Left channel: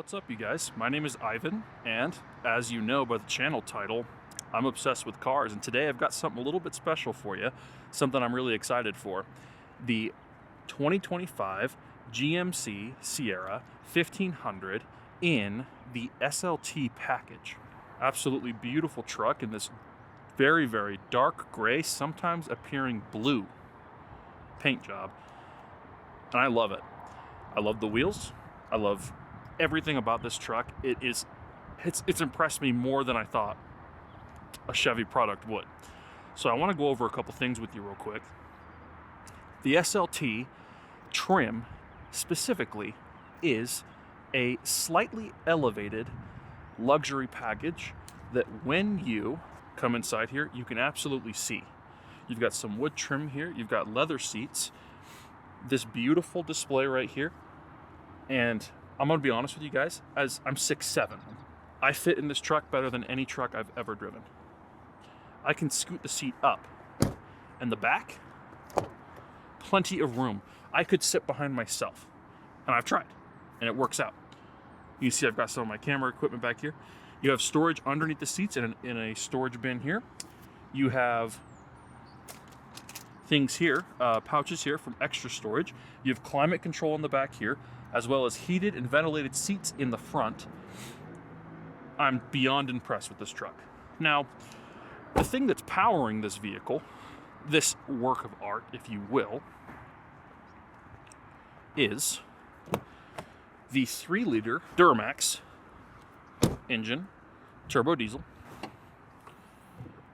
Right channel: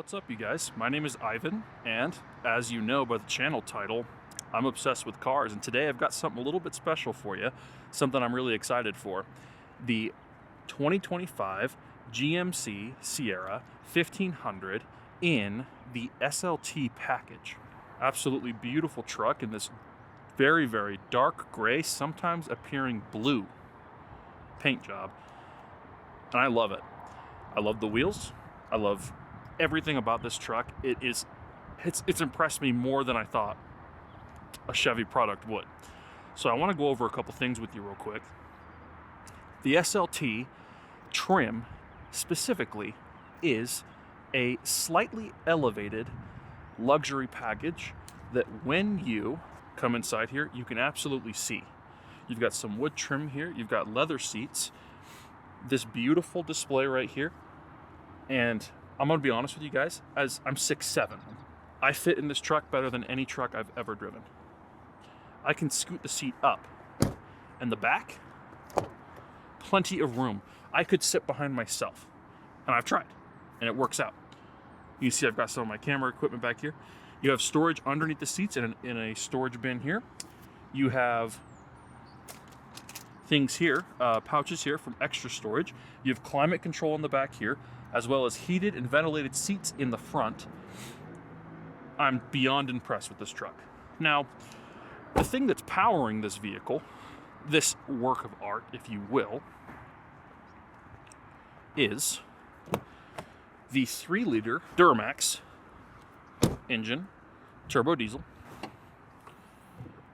What's up, you guys? My name is Ivan, and as you know by the channel title, I'm obsessed with cars, and today I've got something a little bit special for you, something I'm really excited for. The 2025 GMC Sierra 1500 in the SLT package. Absolutely beautiful truck in this very, very dark gray, sometimes appearing blue paint job, and I love it. I love the wheels. I love everything about this truck. It's impressed me more than I thought a Chevy product would. So I want to go over a couple things with you real quick. The SLT trim specifically is a slightly elevated luxury package that when you come inside here, you can absolutely see. You've got some wood trim here, you've got leather seats, this beautiful display right here, and I'm gonna be honest with you guys, as I'm 6'7", I fit in this truck better than any truck I've ever driven. I can scoot the seat up, and the back, plenty of room. I could sit behind myself, and I've tried, and it works out. You can see I've got some of my camera equipment back here. You have storage underneath the seats in a storage bin here. You have things here, pouches here from extra storage. You have climate control in the back here, as well as heated and ventilated seats in the front. I'm beyond impressed with this truck. Now, the thing that's powering this vehicle, this work of art, if you will, is the 3-liter Duramax engine, turbo diesel.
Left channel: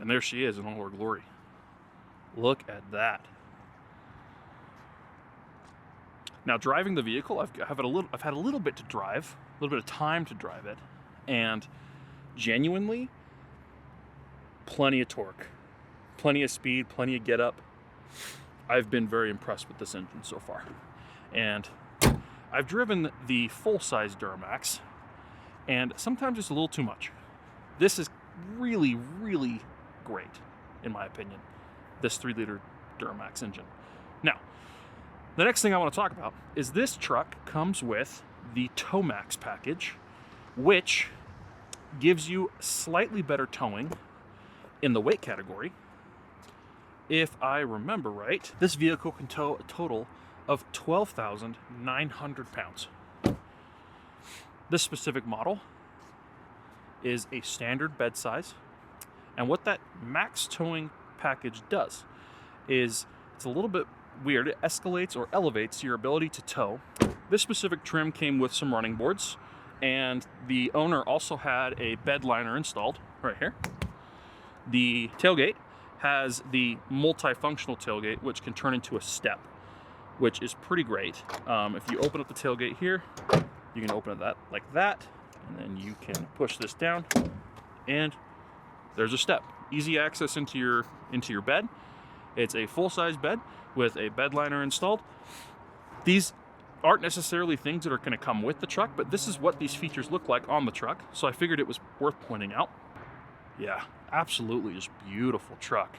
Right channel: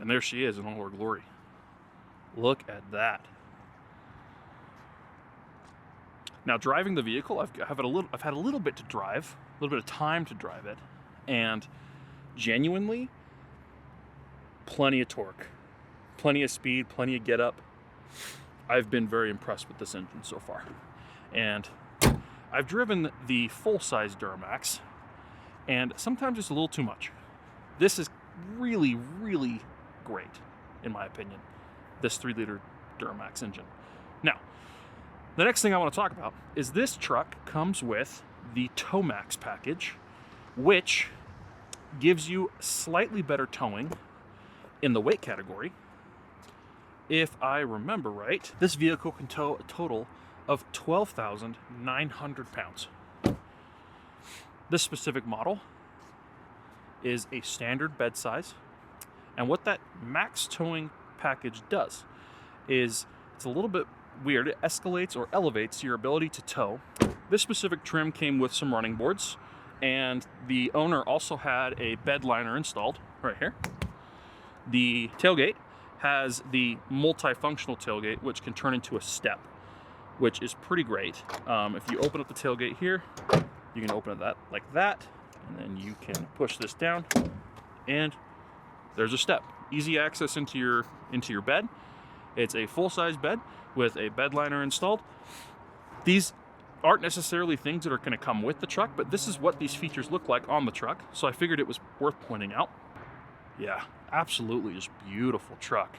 And there she is in all her glory. Look at that. Now, driving the vehicle, I've had a little bit to drive, a little bit of time to drive it, and genuinely, plenty of torque, plenty of speed, plenty of get up. I've been very impressed with this engine so far. And I've driven the full-size Duramax, and sometimes it's a little too much. This is really, really great, in my opinion, this 3-liter Duramax engine. Now, the next thing I want to talk about is this truck comes with the Towmax package, which gives you slightly better towing in the weight category. If I remember right, this vehicle can tow a total of 12,900 pounds. This specific model is a standard bed size, and what that max towing package does is it's a little bit weird. It escalates or elevates your ability to tow. This specific trim came with some running boards, and the owner also had a bed liner installed right here. The tailgate has the multifunctional tailgate, which can turn into a step, which is pretty great. If you open up the tailgate here, you can open it like that, and then you can push this down, and there's a step. Easy access into your bed. It's a full-size bed with a bed liner installed. These aren't necessarily things that are going to come with the truck, but this is what these features look like on the truck, so I figured it was worth pointing out. Yeah, absolutely just beautiful truck.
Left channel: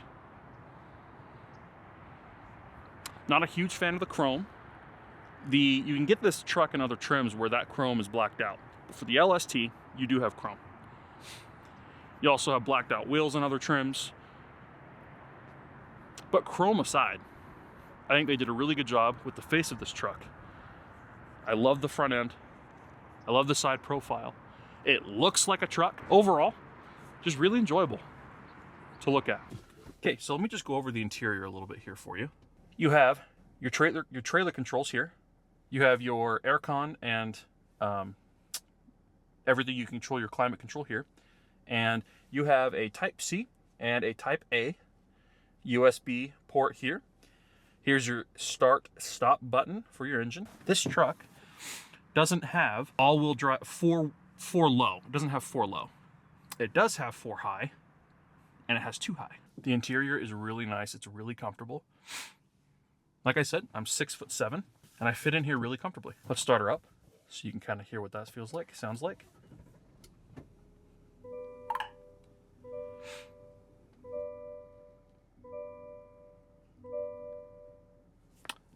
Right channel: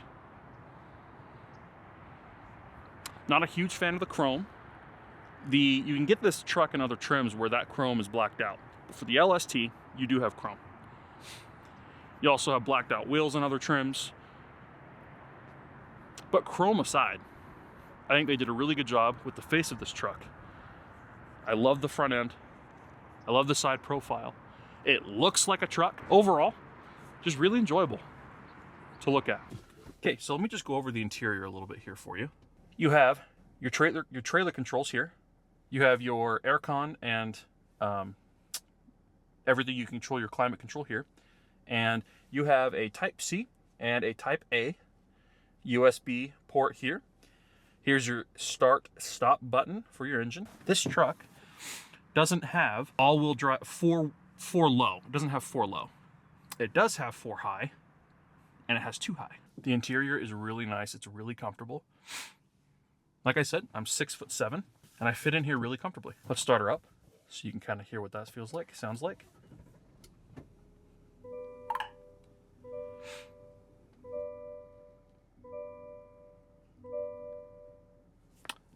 Not a huge fan of the chrome. You can get this truck in other trims where that chrome is blacked out. But for the LST, you do have chrome. You also have blacked out wheels in other trims. But chrome aside, I think they did a really good job with the face of this truck. I love the front end. I love the side profile. It looks like a truck. Overall, just really enjoyable to look at. Okay, so let me just go over the interior a little bit here for you. You have your trailer controls here. You have your aircon and everything. You can control your climate control here. And you have a Type C and a Type A USB port here. Here's your start stop button for your engine. This truck doesn't have all-wheel drive, four low. It doesn't have 4 low. It does have 4 high, and it has 2 high. The interior is really nice. It's really comfortable. Like I said, I'm 6'7", and I fit in here really comfortably. Let's start her up so you can kind of hear what that feels like, sounds like.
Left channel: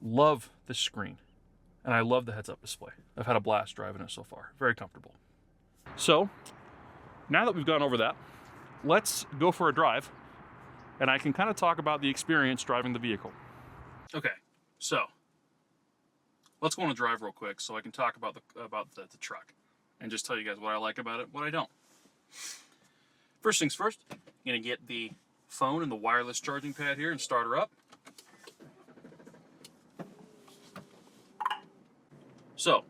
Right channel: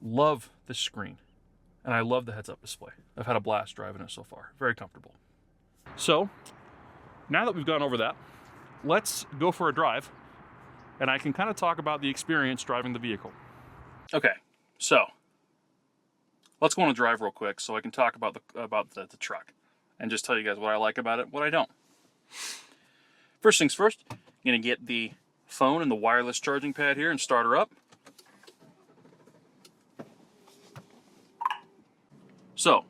Love this screen. And I love the heads-up display. I've had a blast driving it so far. Very comfortable. So, now that we've gone over that, let's go for a drive, and I can kind of talk about the experience driving the vehicle. Okay, so let's go on a drive real quick so I can talk about the truck and just tell you guys what I like about it, what I don't. First things first, I'm gonna get the phone and the wireless charging pad here and start her up. So,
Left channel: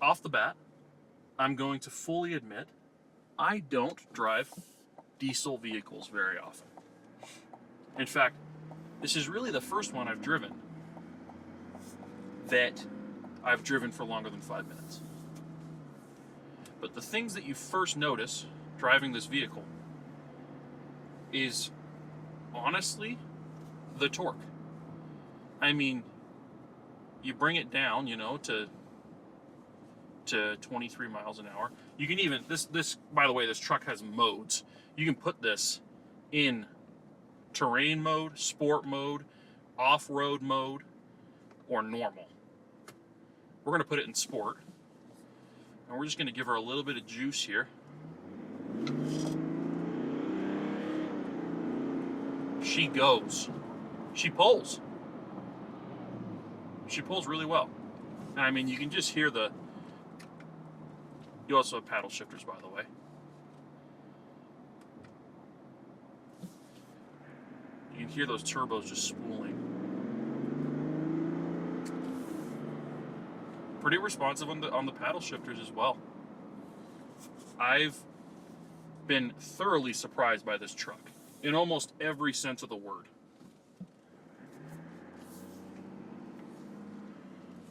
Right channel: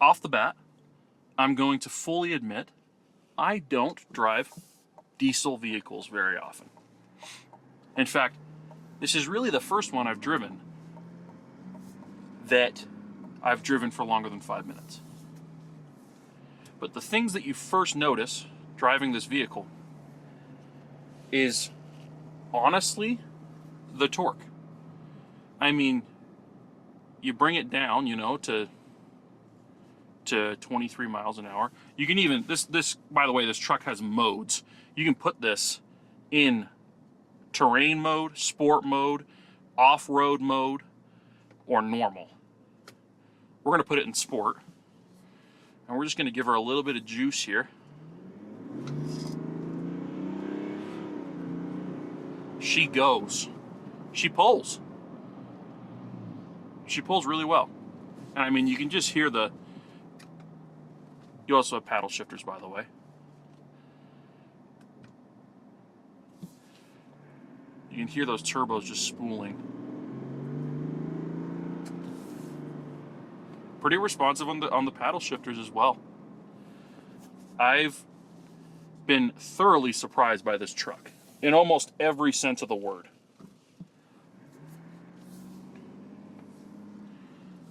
off the bat, I'm going to fully admit I don't drive diesel vehicles very often. In fact, this is really the first one I've driven that I've driven for longer than 5 minutes. But the things that you first notice driving this vehicle is honestly the torque. I mean, you bring it down, you know, to 23 miles an hour. You can even, this by the way, this truck has modes. You can put this in terrain mode, sport mode, off-road mode, or normal. We're gonna put it in sport. And we're just gonna give her a little bit of juice here. She goes. She pulls. She pulls really well. And I mean, you can just hear you also have paddle shifters, by the way. You can hear those turbos just spooling. Pretty responsive on the paddle shifters as well. I've been thoroughly surprised by this truck in almost every sense of the word.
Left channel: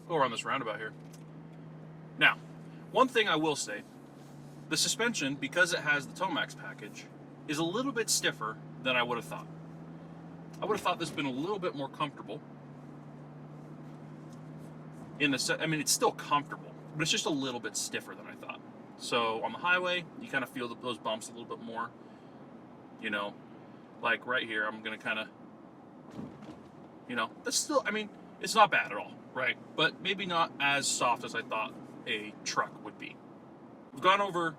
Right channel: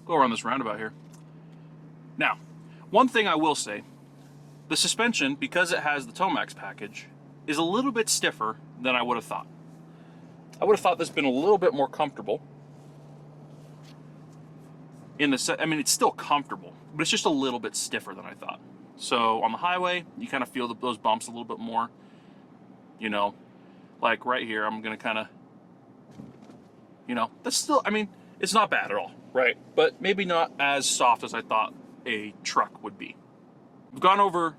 Go around this roundabout here. Now, one thing I will say, the suspension, because it has the Tomax package, is a little bit stiffer than I would have thought. I would have thought this been a little bit more comfortable. I mean, it's still comfortable, but it's just a little bit stiffer than I thought. So on the highway, you kind of feel those bumps a little bit more. You know, like right here, I'm gonna kind of, you know, that's still, I mean, it's not bad at all, right? But maybe not as soft as I thought a truck would be. We've gone over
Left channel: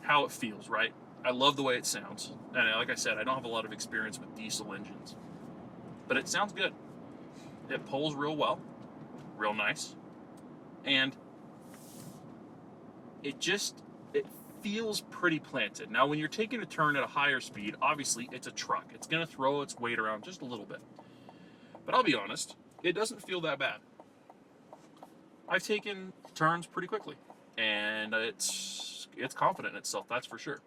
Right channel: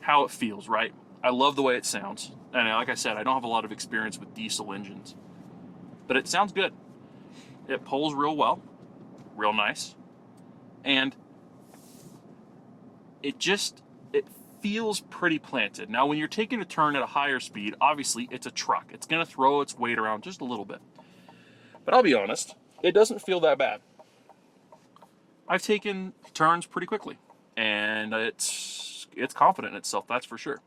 how it feels, right? I love the way it sounds. And like I said, I don't have a lot of experience with diesel engines, but it sounds good. It pulls real well, real nice. And it feels pretty planted. Now, when you're taking a turn at a higher speed, obviously it's a truck. It's gonna throw its weight around just a little bit. But I'll be honest, it doesn't feel that bad. I've taken turns pretty quickly, and it's confident in itself, that's for sure.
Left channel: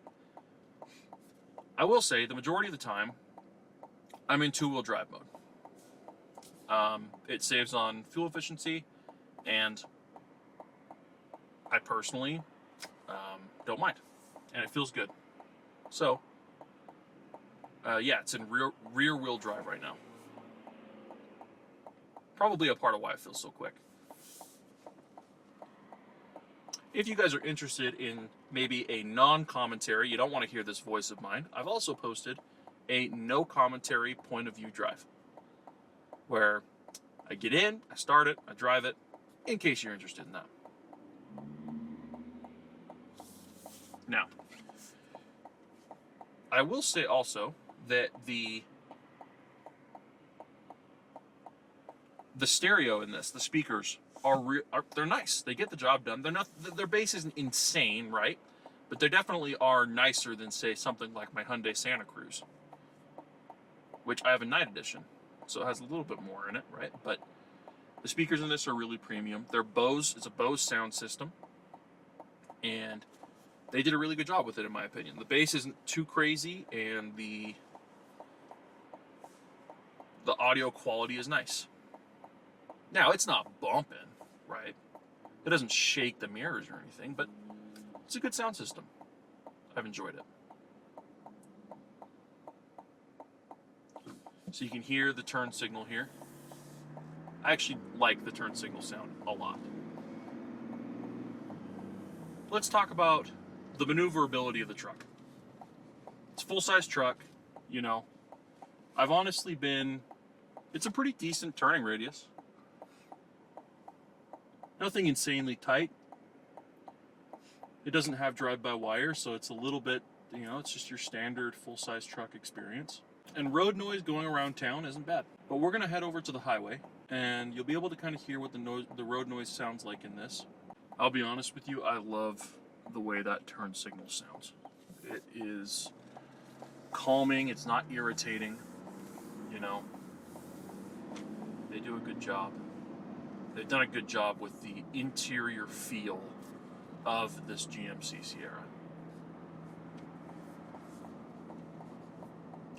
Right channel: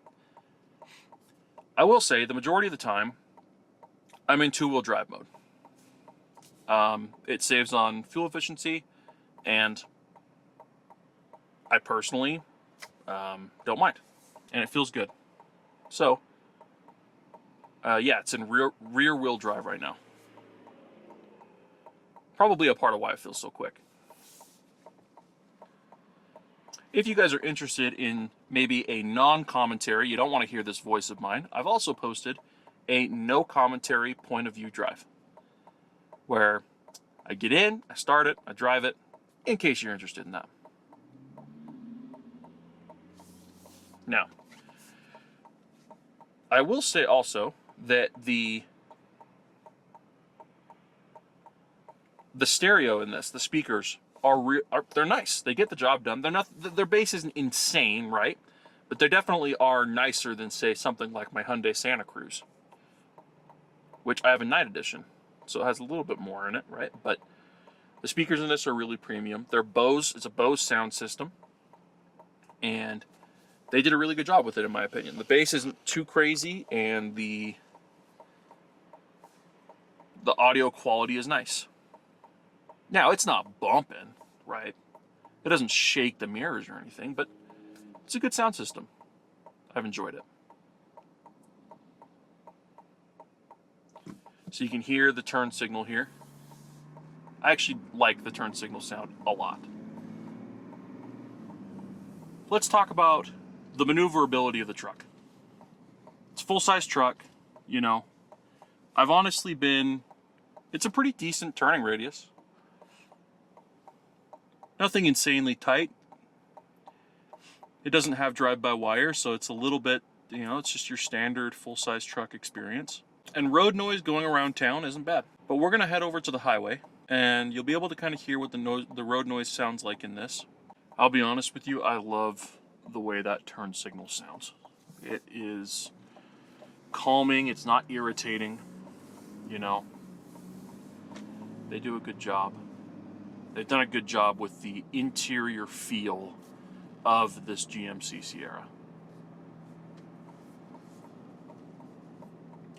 I will say, the majority of the time, I'm in two-wheel drive mode. It saves on fuel efficiency, and I personally don't mind, and it feels good. So, yeah, it's in rear-wheel drive right now. Probably a part of why it feels so quick. If you guys are interested in maybe a non-commentary, you don't want to hear this voice of mine, I've also posted a no commentary point of view drive, where I get in, I start it, I drive it, in case you're interested in that. Now, I will say also that the stereo in this, the speakers, they're nice. They get the job done. Their bass isn't insane, right? But they definitely are nicer than, say, something like my Hyundai Santa Cruz, which I have a night edition, so it has a little bit more in it, right? But the speakers in this are really premium. They're Bose. It's a Bose sound system, and they did a really good job with it, in my opinion. The bass isn't too crazy, and the audio quality is nice. Now, it's not bumping, right? It doesn't shake the mirrors or anything, but it's a good sound system. I've enjoyed it. So you can hear the turn signal here. I actually like the turn signal sound a lot. Let's talk about the maneuverability of the truck. It's a full-size truck, you know. I've honestly it's a pretty decent turning radius. Nothing insanely tight. It doesn't have drive-by-wire, so it's a little bit, you know, it's just your standard full-size truck experience. And road noise going around town isn't bad. But we're gonna head over to the highway, and you'll be able to kind of hear what the road noise sounds like in this. I'll be honest with you, I love the way that turn signal sounds. It is calming, it's not irritating, you know. They do a good job. They've done a good job with the interior feel of this GMC Sierra.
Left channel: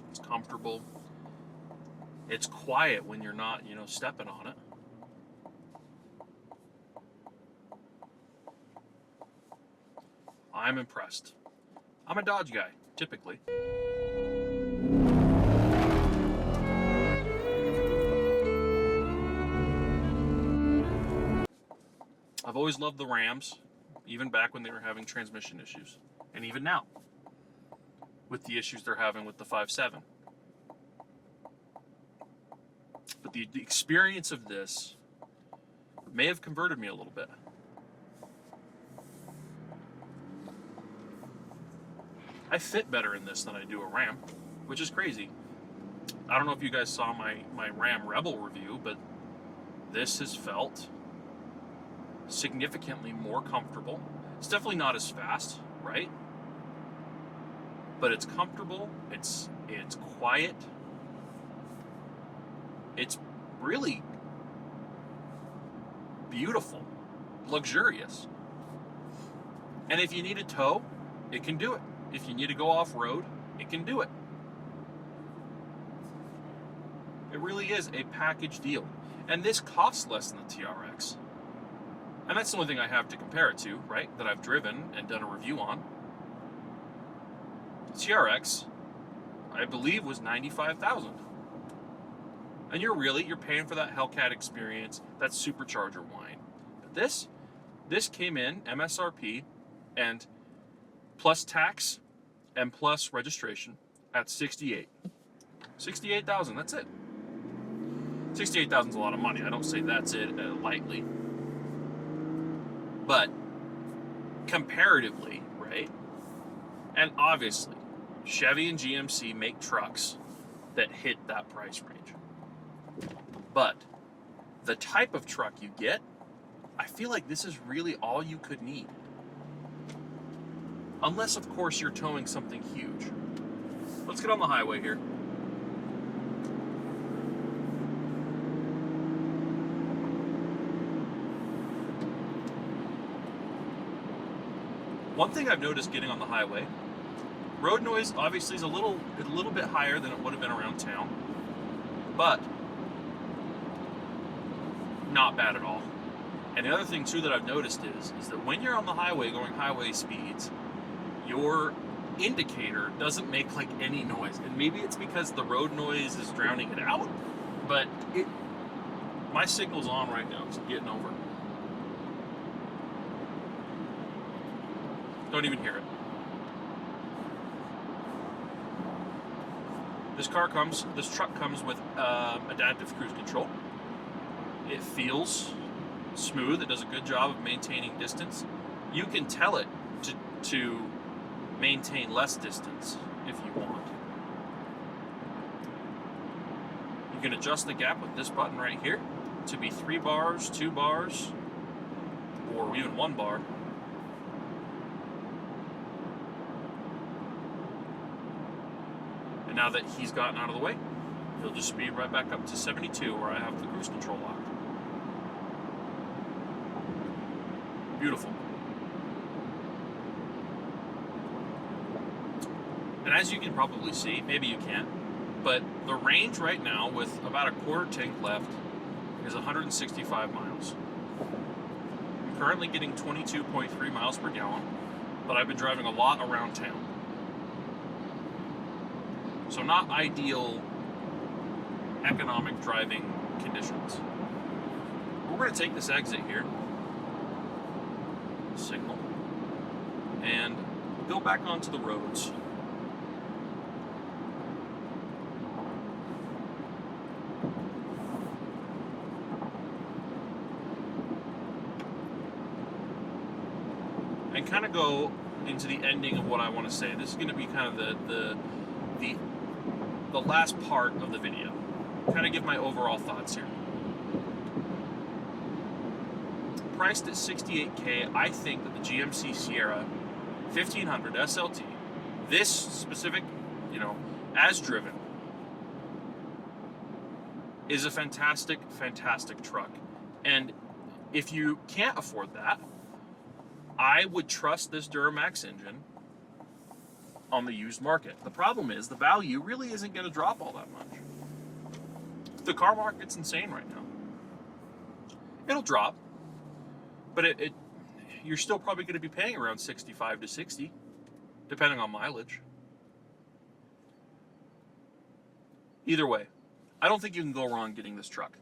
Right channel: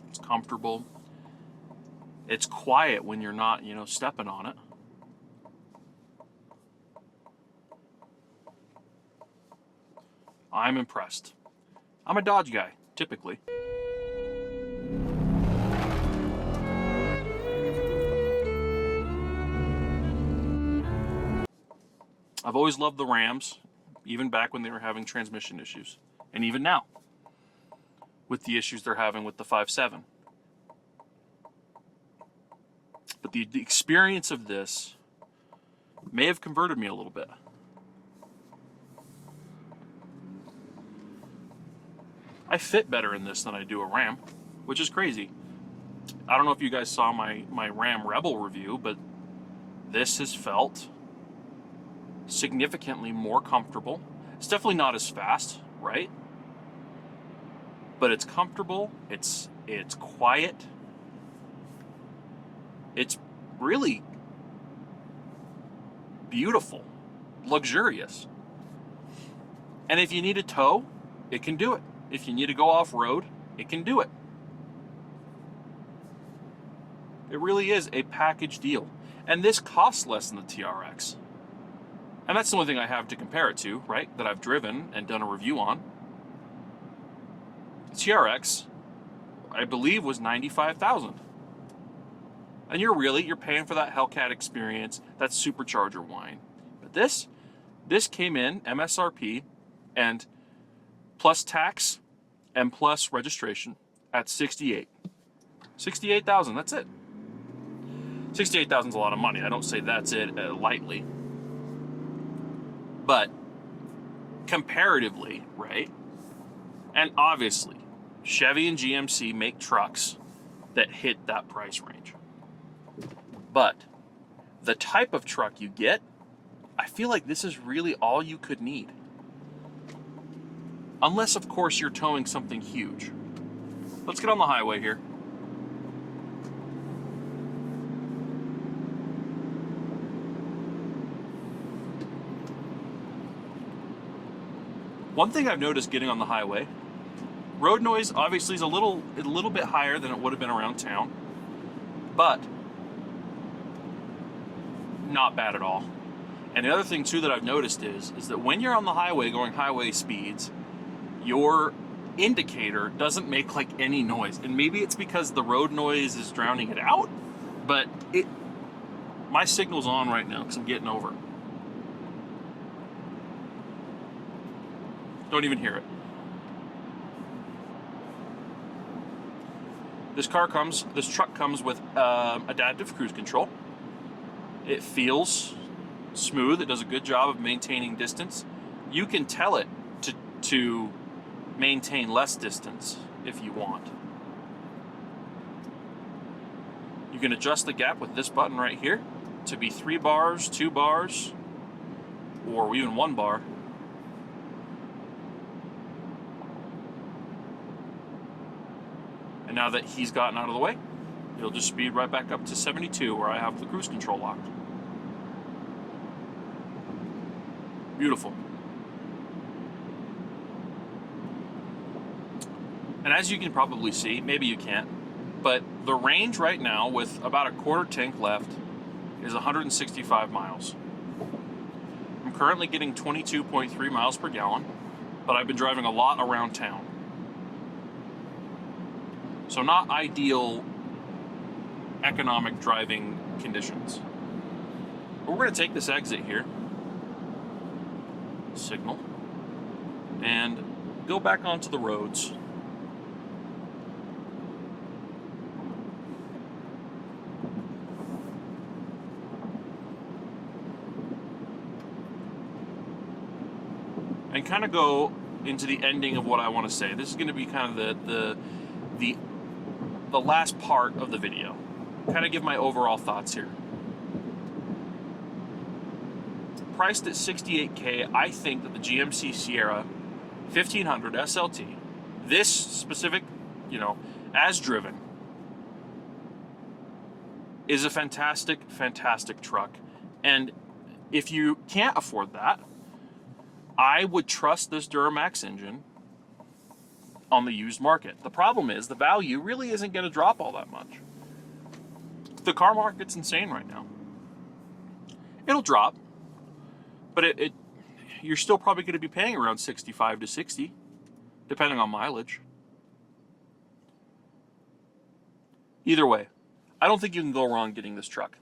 It's comfortable. It's quiet when you're not, you know, stepping on it. I'm impressed. I'm a Dodge guy, typically. I've always loved the Rams, even back when they were having transmission issues. And even now, with the issues they're having with the 5.7. But the experience of this may have converted me a little bit. I fit better in this than I do a Ram, which is crazy. I don't know if you guys saw my Ram Rebel review, but this has felt significantly more comfortable. It's definitely not as fast, right? But it's comfortable, it's quiet. It's really beautiful, luxurious. And if you need a tow, it can do it. If you need to go off-road, it can do it. It really is a package deal. And this costs less than the TRX. And that's the only thing I have to compare it to, right? That I've driven and done a review on. The TRX, I believe, was $95,000. And you're paying for that Hellcat experience, that supercharger whine. But this came in MSRP and plus tax and plus registration at $68,000. That's it. $68,000 is a lot of money. I don't say that's it lightly. But comparatively, right? And obviously, Chevy and GMC make trucks that hit that price range. But the type of truck you get, I feel like this is really all you could need. Unless, of course, you're towing something huge. Let's get on the highway here. One thing I've noticed getting on the highway, road noise obviously is a little bit higher than it would have been around town, but not bad at all. And the other thing too that I've noticed is that when you're on the highway going highway speeds, your indicator doesn't make like any noise. And maybe it's because the road noise is drowning it out, but my signal's on right now because I'm getting over. Don't even hear it. This truck comes with adaptive cruise control. It feels smooth. It does a good job of maintaining distance. You can tell it to maintain less distance if you want. You can adjust the gap with this button right here to be 3 bars, 2 bars, or even 1 bar. And now that he's gotten out of the way, he'll just speed right back up to 72 where I have the cruise control locked. Beautiful. And as you can probably see, maybe you can't, but the range right now with about a quarter tank left is 165 miles. I'm currently getting 22.3 miles per gallon, but I've been driving a lot around town. So not ideal economic driving conditions. But we're going to take this exit here, signal, and go back onto the roads. kind of go into the ending of what I want to say. This is going to be kind of the last part of the video. Kind of give my overall thoughts here. Priced at $68K, I think that the GMC Sierra 1500 SLT, this specific, you know, as driven, is a fantastic, fantastic truck. And if you can't afford that, I would trust this Duramax engine on the used market. The problem is the value really isn't going to drop all that much. The car market's insane right now. It'll drop, but you're still probably going to be paying around 65 to 60, depending on mileage. Either way, I don't think you can go wrong getting this truck.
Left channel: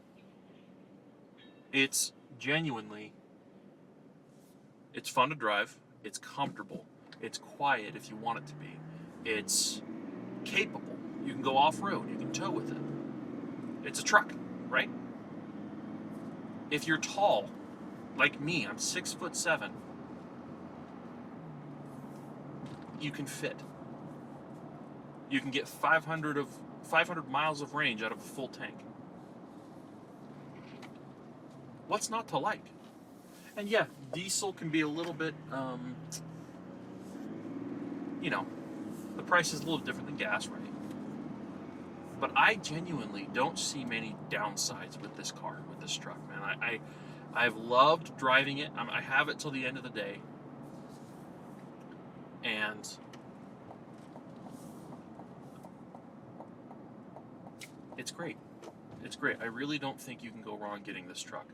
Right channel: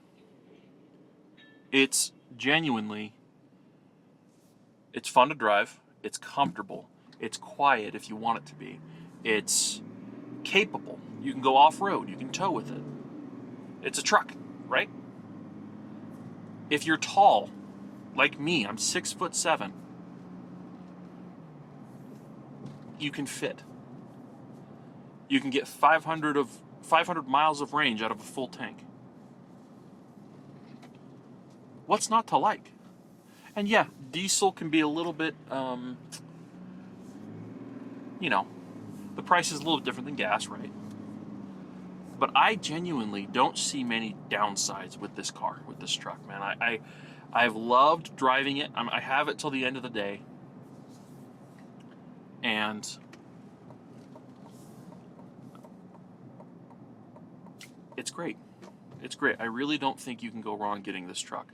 It's genuinely, it's fun to drive, it's comfortable, it's quiet if you want it to be, it's capable, you can go off-road, you can tow with it. It's a truck, right? If you're tall, like me, I'm 6'7", you can fit. You can get 500 miles of range out of a full tank. What's not to like? And yeah, diesel can be a little bit, you know, the price is a little different than gas, right? But I genuinely don't see many downsides with this car, with this truck, man. I've loved driving it. I have it till the end of the day. And it's great. It's great. I really don't think you can go wrong getting this truck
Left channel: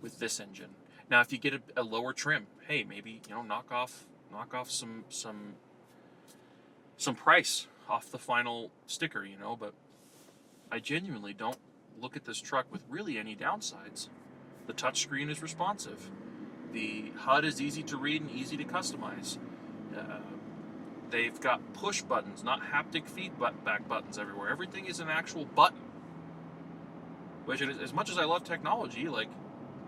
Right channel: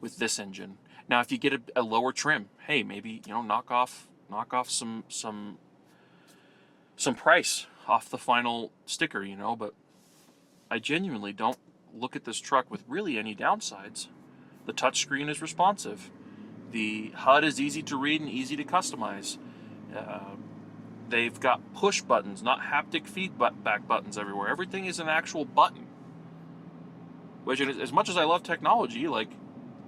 with this engine. Now, if you get a lower trim, hey, maybe, you know, knock off some price off the final sticker, you know, but I genuinely don't look at this truck with really any downsides. The touchscreen is responsive. The HUD is easy to read and easy to customize. They've got push buttons, not haptic feedback buttons everywhere. Everything is an actual button. Which, as much as I love technology, like,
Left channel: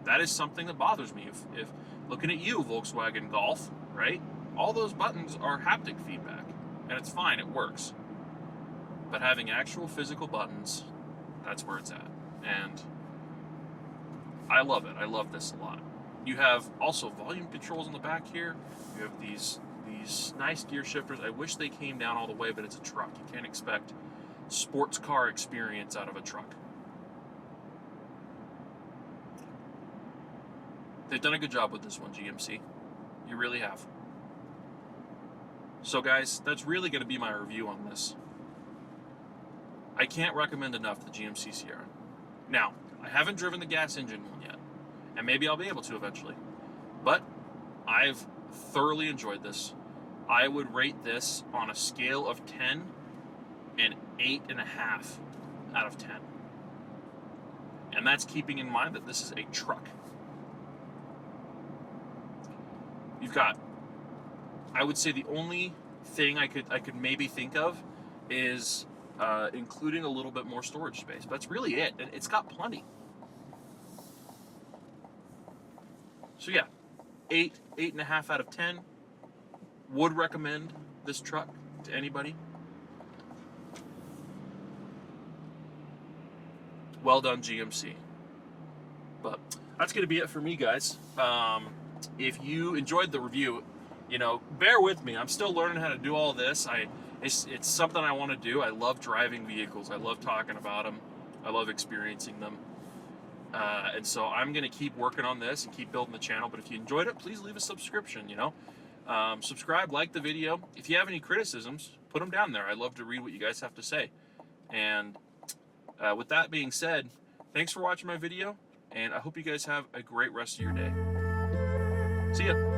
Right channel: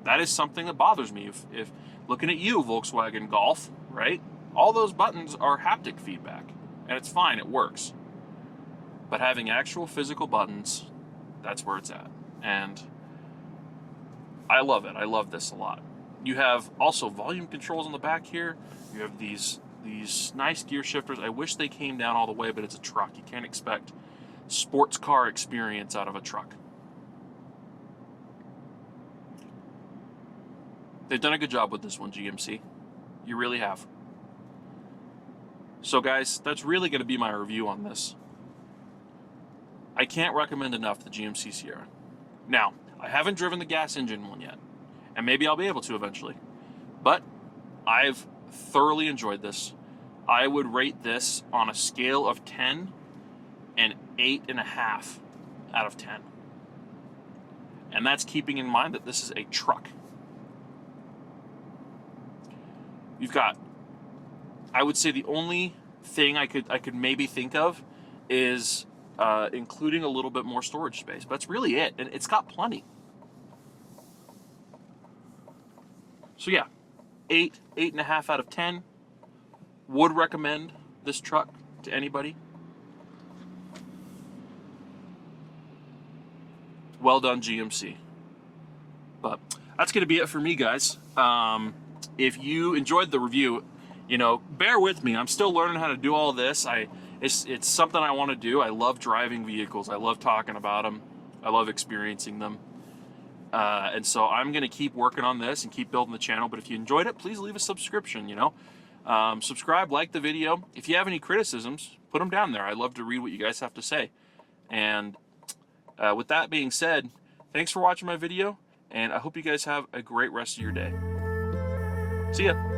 that is something that bothers me. If looking at you, Volkswagen Golf, right? All those buttons are haptic feedback. And it's fine, it works. But having actual physical buttons, that's where it's at. And I love it. I love this a lot. You have also volume controls on the back here. You have these nice gear shifters. I wish they came down all the way, but it's a truck. You can't expect sports car experience out of a truck. They've done a good job with this one, GMC. You really have. So guys, that's really going to be my review on this. I can't recommend enough the GMC Sierra. Now, I haven't driven the gas engine one yet, and maybe I'll be able to eventually. But I've thoroughly enjoyed this. I would rate this on a scale of 10 and 8.5 out of 10. And that's keeping in mind that this is a truck. You've got, I would say the only thing I could maybe think of is including a little bit more storage space. But that's really it, and it's got plenty. So yeah, 8.5 out of 10. Would recommend this truck to anybody. Well done, GMC. But that's going to be it for me, guys. If you enjoyed the review, you know, bear with me. I'm still learning how to do all this. It's something I want to do. I love driving vehicles. I love talking about them. I love experiencing them. And so I'm going to keep working on this and keep building the channel. But if you enjoyed it, please leave a subscription, you know. Subscribe, like the video. If you have any criticisms, put them down there. I'd love to read what you guys have to say. And with that being said, thanks for watching my video, and I hope you guys have a great rest of your day. See ya.